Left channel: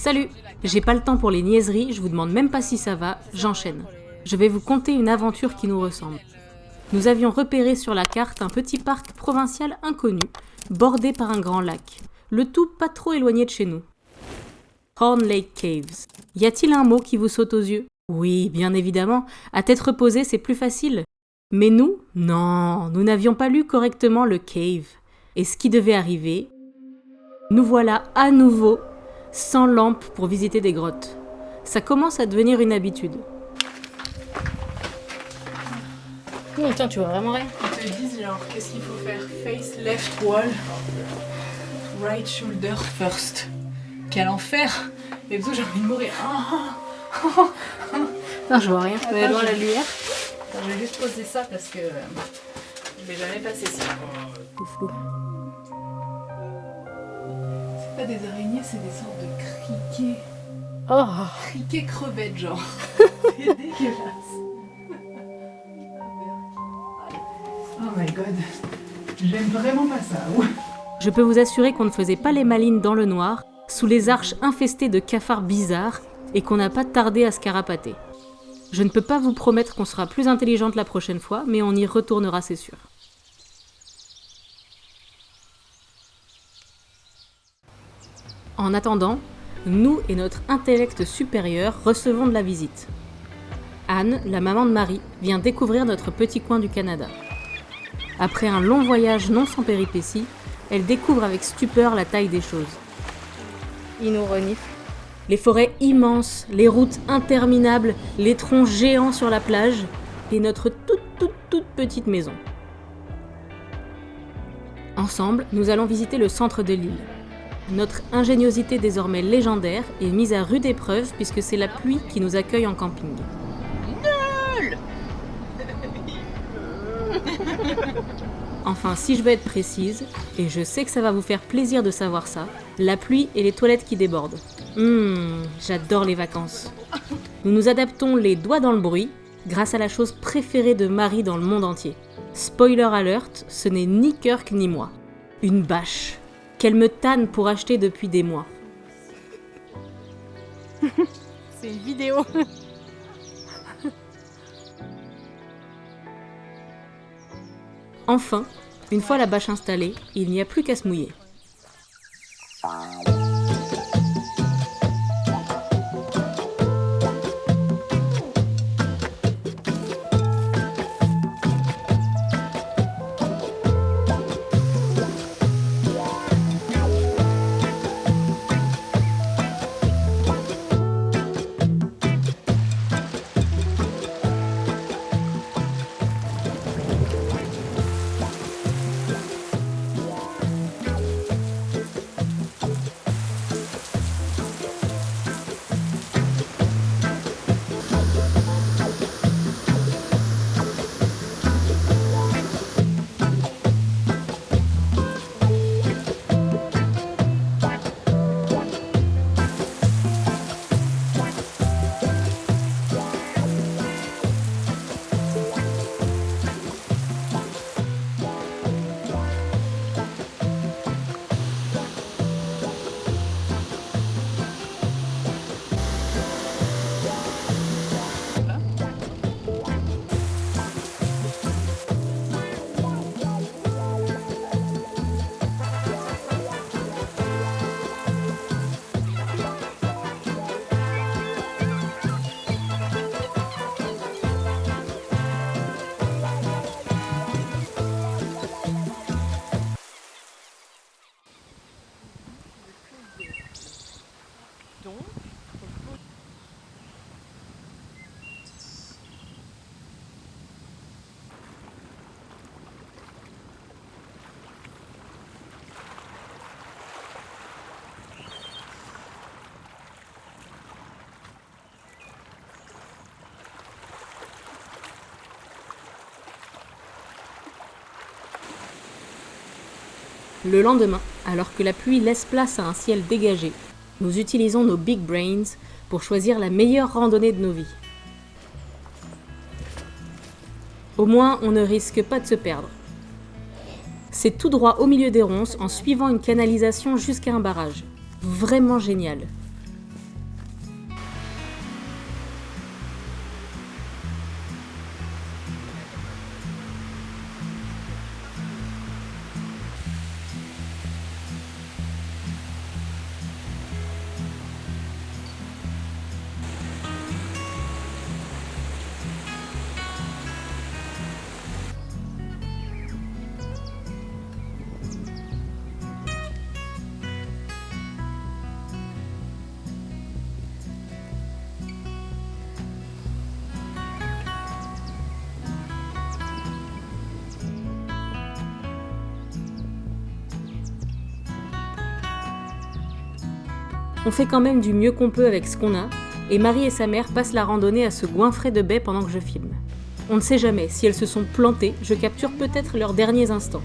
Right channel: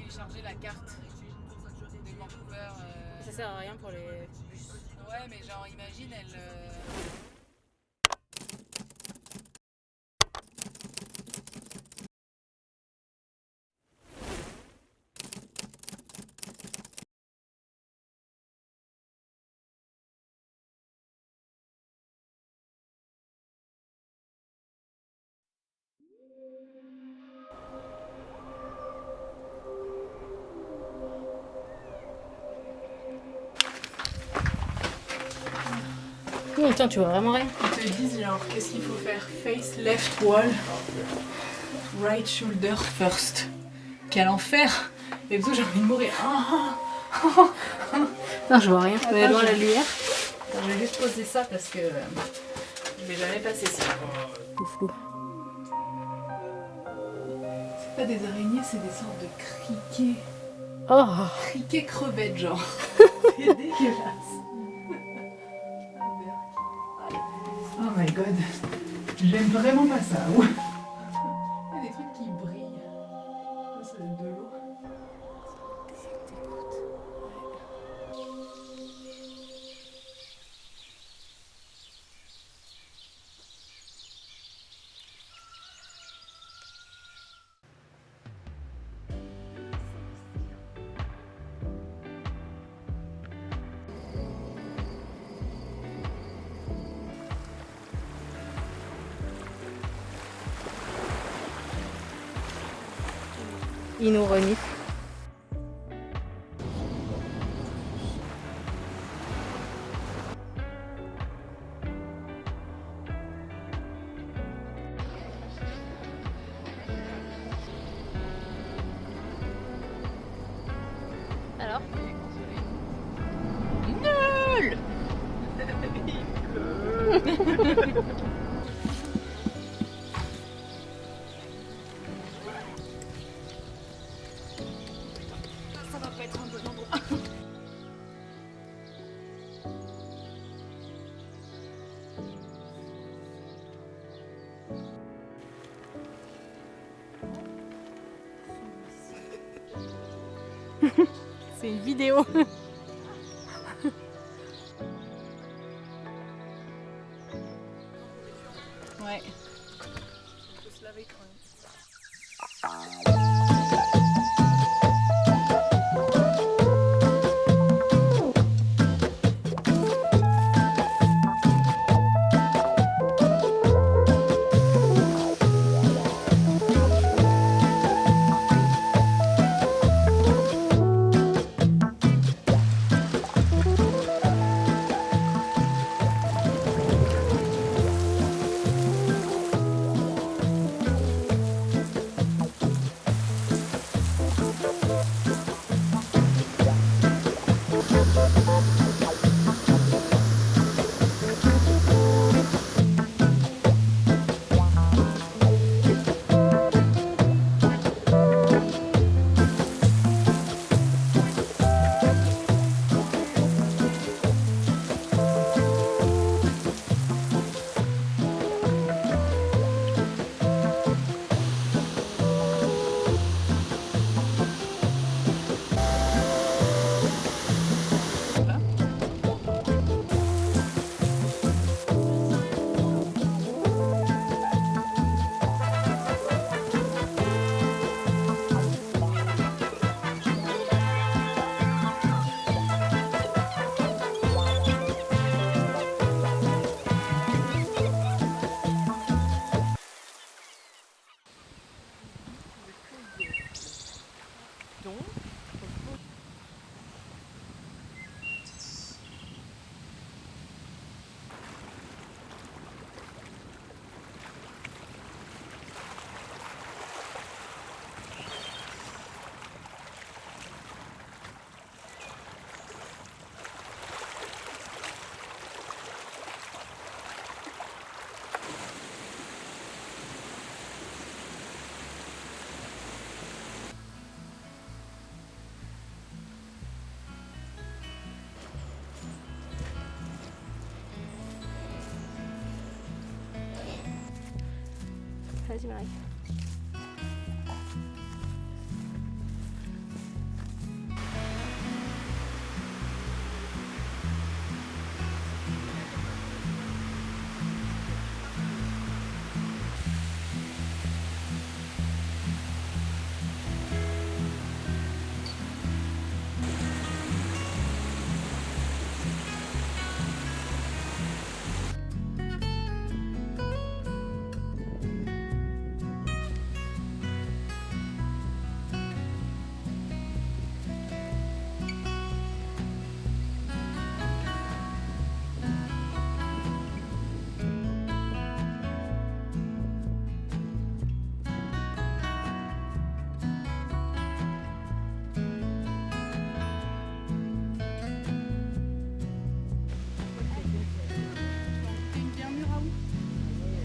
Salut! J'ai pas le temps pour les niaiseries, je vous demande même pas si ça va, j'enchaîne. Je vais vous conter une aventure qui nous ressemble. Nous avions repéré sur la carte un petit parc provincial inconnu, bordé par un grand lac. Le tout pas trop éloigné de chez nous. Horn Lake Caves. Y a-t-il un mot qui vous saute aux yeux? Oui, bien évidemment, à tête reposée c'est plus facile. Mais nous, non, nous n'avions pas lu correctement le cave. Et ce qui devait arriver, nous voilà à nouveau sans lampe pour visiter des grottes. Ça commence à devenir une habitude. Oh, attends, tu vois vraiment rien? Ils te disent genre, qu'est-ce qu'il faut faire? Face left wall, right shoulder first. Quel enfer! Et tout, j'ai envie de mourir. Non, je vois rien. Mais Attends, loin la je- lumière. Attends, je vais juste poser ça parce que je vais jamais passer ça. Flou. C'est pas des araignées, c'est des sortes de criquets. Oh, Criquets crevettes, genre. C'est dégueulasse. Oh my god. J'aime vraiment pas ça. je peux vous assurer qu'on ne faisait pas les malines dans le noir, sous les arches infestées de cafards bizarres, et qu'on n'a pas tardé à se carapater. Je ne peux pas vous promettre qu'on sera plus intelligente la prochaine fois, mais on y retournera, c'est sûr. En attendant, nous et notre intellect supérieur recevons de la visite. Anne, la maman de Marie, vient découvrir notre petit coin du Canada. Après un long voyage non sans péripéties, elle découvre avec stupeur la taille des choses. Il nous renifle. Les forêts immenses, les routes interminables, les troncs géants sur la plage et notre toute petite maison. Ensemble, nous allons visiter le centre de l'île. Notre ingéniosité désormais légendaire est mise à rude épreuve puisque c'est la pluie qui nous accueille en camping. Enfin, si je veux être précise, et je sais que ça va vous faire plaisir de savoir ça, la pluie et les toilettes qui débordent. J'adore les vacances. Nous nous adaptons les doigts dans le bruit, grâce à la chose préférée de Marie dans le monde entier. Spoiler alert, ce n'est ni Kirk ni moi. Une bâche, qu'elle me tanne pour acheter depuis des mois. C'est une vidéo. Enfin, une fois la bâche installée, il n'y a plus qu'à se mouiller. Le lendemain, alors que la pluie laisse place à un ciel dégagé, nous utilisons nos big brains pour choisir la meilleure randonnée de nos vies. Au moins, on ne risque pas de se perdre. C'est tout droit au milieu des ronces en suivant une canalisation jusqu'à un barrage. Vraiment génial. On fait quand même du mieux qu'on peut avec ce qu'on a, et Marie et sa mère passent la randonnée à se goinfrer de baies pendant que je filme. On ne sait jamais, si elles se sont plantées, je capture peut-être leurs derniers instants.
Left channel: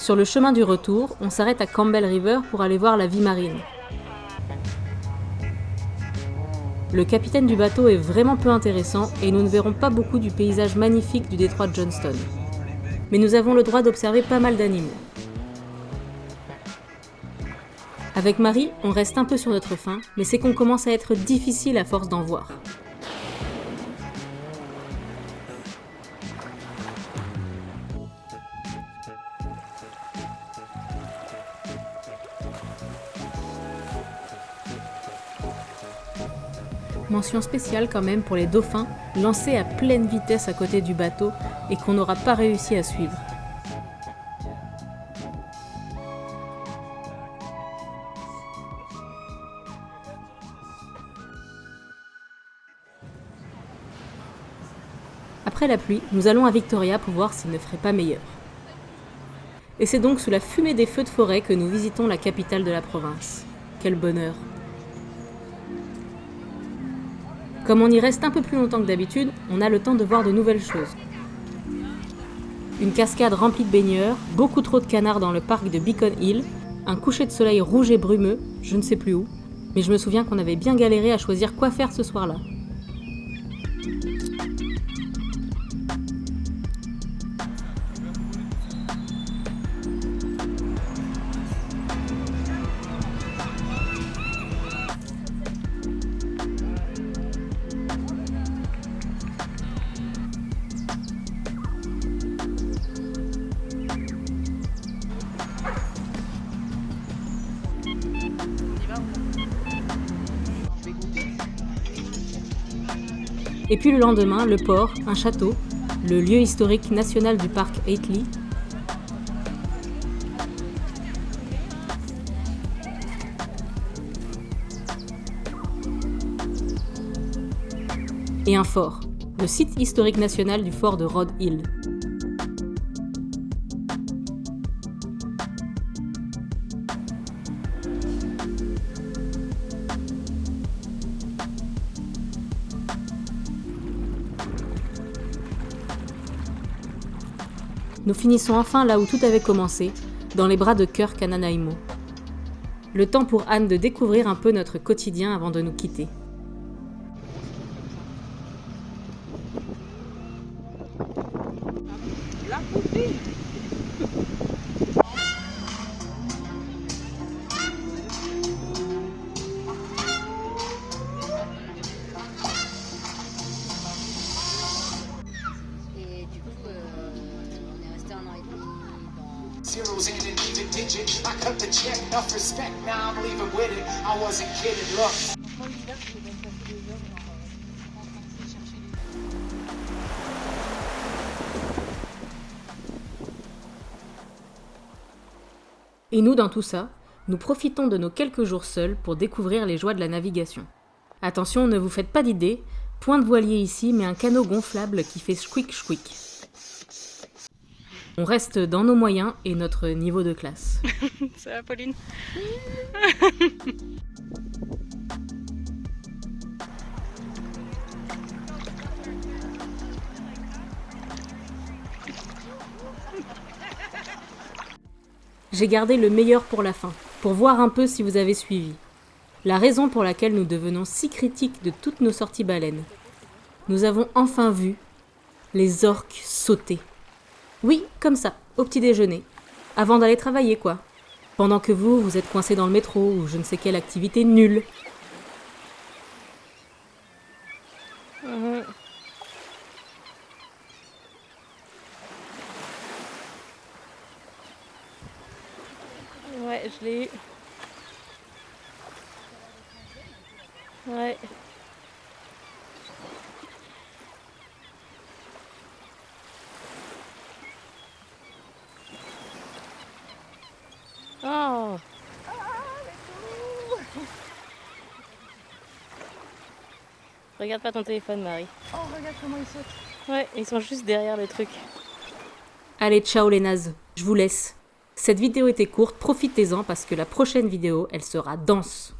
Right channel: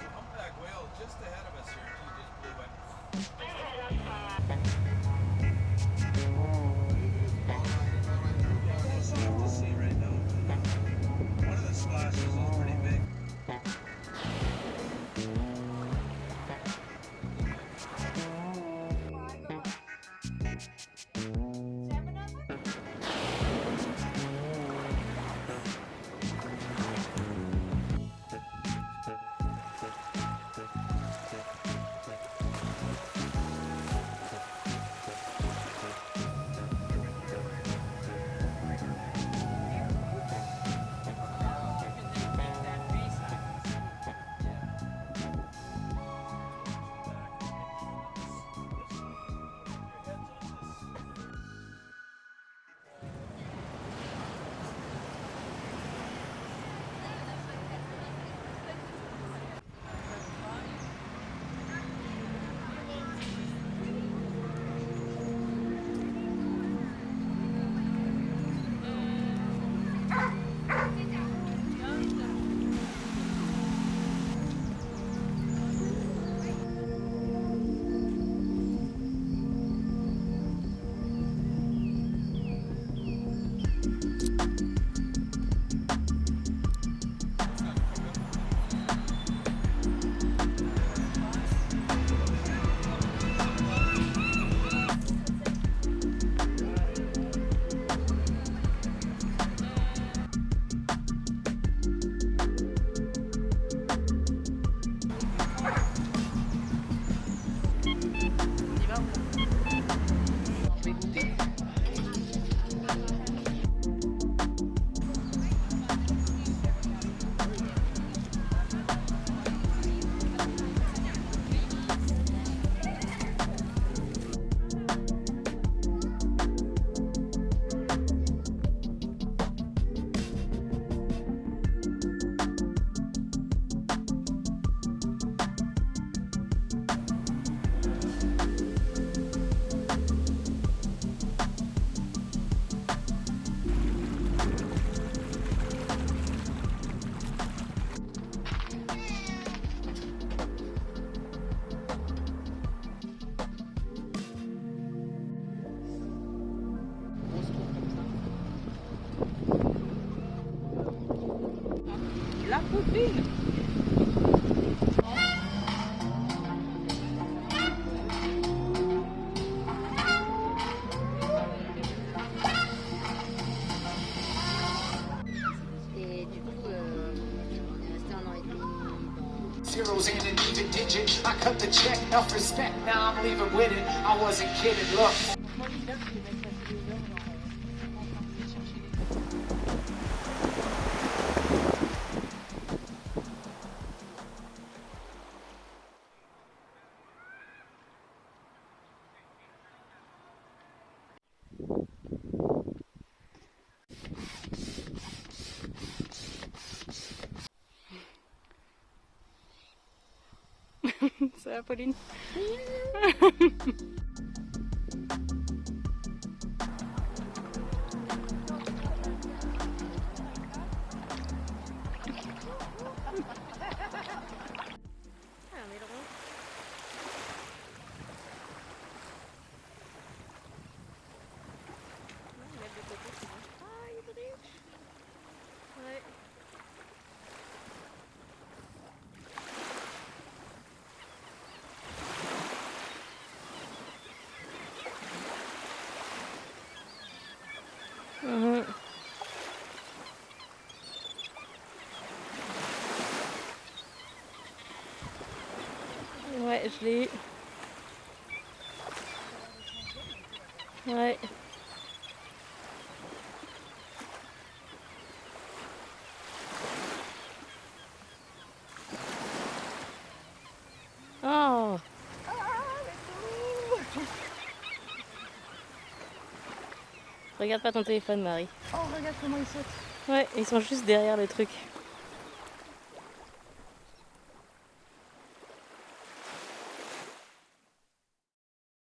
Sur le chemin du retour, on s'arrête à Campbell River pour aller voir la vie marine. Le capitaine du bateau est vraiment peu intéressant et nous ne verrons pas beaucoup du paysage magnifique du détroit de Johnston. Mais nous avons le droit d'observer pas mal d'animaux. Avec Marie, on reste un peu sur notre faim, mais c'est qu'on commence à être difficile à force d'en voir. Mention spéciale quand même pour les dauphins lancés à pleine vitesse à côté du bateau et qu'on n'aura pas réussi à suivre. Après la pluie, nous allons à Victoria pour voir s'il ne ferait pas meilleur. Et c'est donc sous la fumée des feux de forêt que nous visitons la capitale de la province. Quel bonheur! Comme on y reste un peu plus longtemps que d'habitude, on a le temps de voir de nouvelles choses. Une cascade remplie de baigneurs, beaucoup trop de canards dans le parc de Beacon Hill, un coucher de soleil rouge et brumeux, je ne sais plus où, mais je me souviens qu'on avait bien galéré à choisir quoi faire ce soir-là. Et puis le lendemain, le port, un château, le lieu historique national du parc Aitley. Et un fort, le site historique national du fort de Rod Hill. Nous finissons enfin là où tout avait commencé, dans les bras de Kirk à Nanaimo. Le temps pour Anne de découvrir un peu notre quotidien avant de nous quitter. La poutine. Et du coup, on est resté un an et demi. Zeros in an even digit. I cut the check, enough respect. Now I'm leaving with it. I wasn't kidding. Look. Moi l'hiver, je vais même passer 2 heures en train de chercher les. Et nous, dans tout ça, nous profitons de nos quelques jours seuls pour découvrir les joies de la navigation. Attention, ne vous faites pas d'idée, point de voilier ici, mais un canot gonflable qui fait squeak squeak. On reste dans nos moyens et notre niveau de classe. Ça va, Pauline? J'ai gardé le meilleur pour la fin, pour voir un peu si vous avez suivi. La raison pour laquelle nous devenons si critiques de toutes nos sorties baleines. Nous avons enfin vu les orques sauter. Oui, comme ça, au petit déjeuner. Avant d'aller travailler, quoi. Pendant que vous êtes coincés dans le métro ou je ne sais quelle activité nulle. Ouais, je l'ai eu. Ouais. Regarde pas ton téléphone, Marie. Oh, regarde comment il saute. Ouais, ils sont juste derrière le truc. Allez, ciao les nazes, je vous laisse. Cette vidéo était courte, profitez-en parce que la prochaine vidéo, elle sera dense.